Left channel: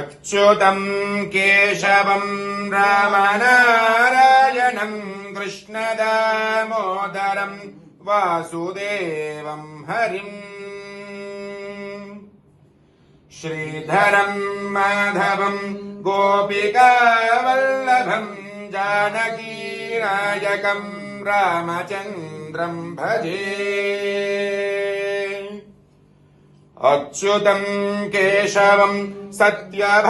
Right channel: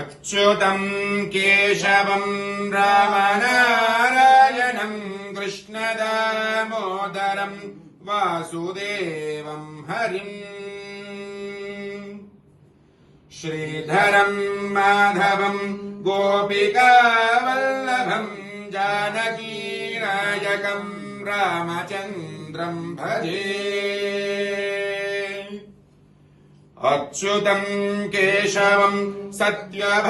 अच्युतम् केशवम् रामनारायणम् कृष्णदामोदरम् वासुदेवम् हरिम् श्रीधरम् माधवम् गोपिकावल्लभम् जानकीनायकम् रामचन्द्रम् भजे अच्युतम् केशवम् सत्यभामाधवम्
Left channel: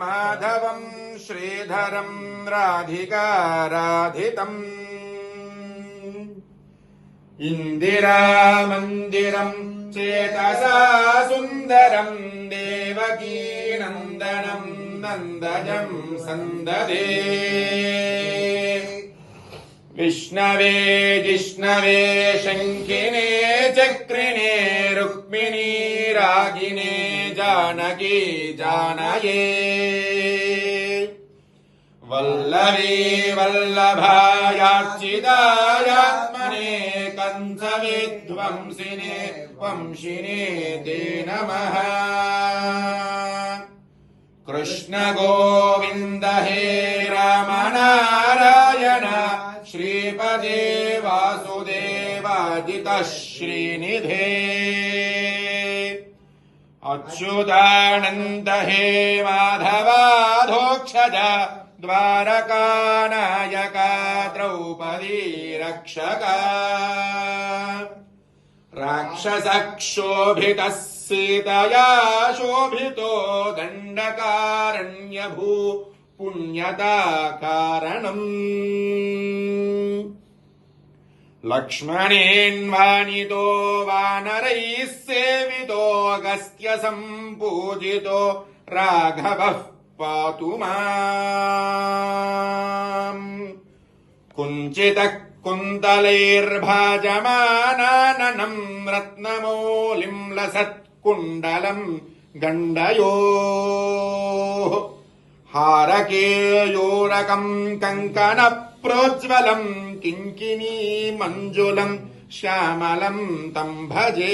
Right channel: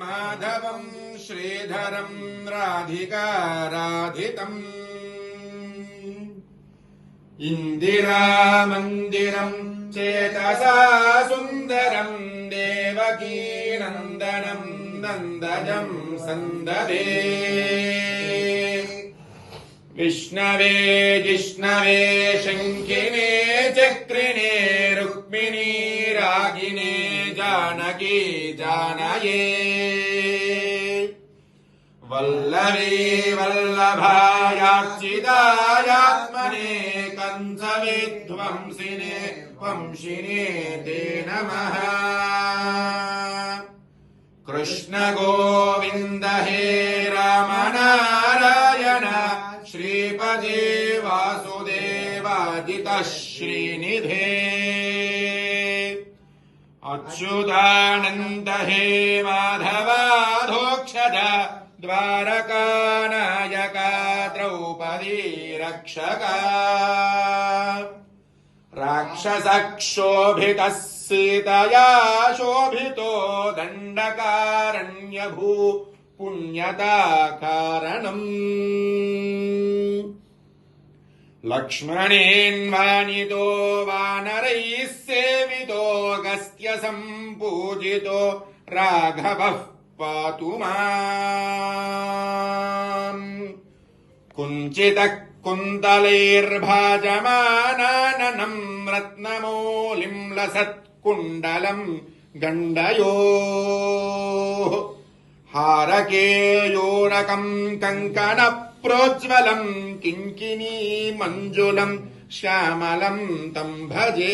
माधवम् श्रीधरम् राधिकाराधितम् इन्दिरामन्दिरम् चेतसा सुन्दरम् देवकीनन्दनम् नन्दजम् सन्दरे विष्णवे जिष्णवे शङ्खिने चक्रिणे रुक्मिणी रागिणे जानकी जानये वल्लवी वल्लभायाचिदायात्मने कन्धविध्वंसिने वंशिने ते नमः कृष्ण गोविन्द हे रामनारायण श्रीपदे वासुदेवादितः श्रीनिधे अच्युतानन्द हे माधवाधोक्षज द्वारकानायका द्रौपदी रक्षका राक्षसक्षोभितः सीतया शोभितो दण्डकारण्यभू पुण्यता कारणम् लक्ष्मणेन्वानितो वानरैः सेवितो अगस्त्य सम्पूजितो राघवः पातु माम्। कुञ्चितः कुन्तलैर्भाजमानाननम् रत्नमौलिम् लसत्कुण्डलम् गण्डयोः। हारकेयोरकम् कङ्कणप्रोज्ज्वलम् किङ्किनी मञ्जुलम् श्यामलम् तम् भजे